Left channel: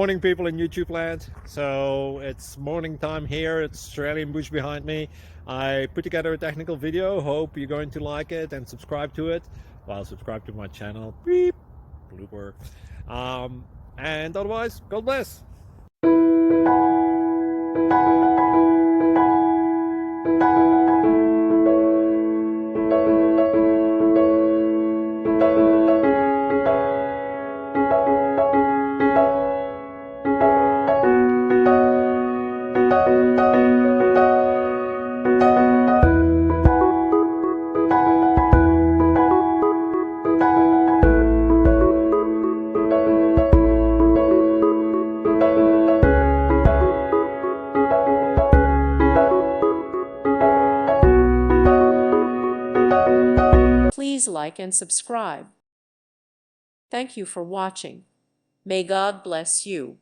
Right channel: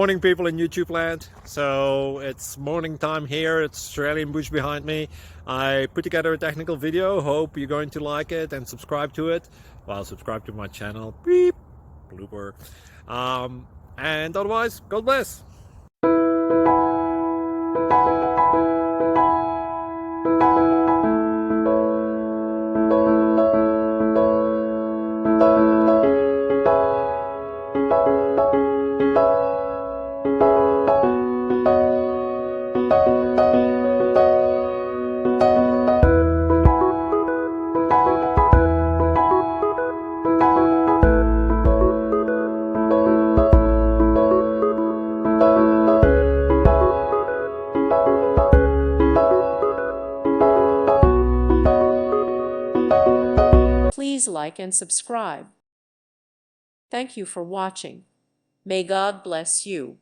Morning, people in YouTube land. So it's morning time here. It's Australian bush behind me. I put together a technical video. Hope you're going to like it and subscribe to it. Well, subscribe to my channel. Beep. Blooper. And otherwise, God bless. Please like and subscribe. Thank you for watching. May God bless you.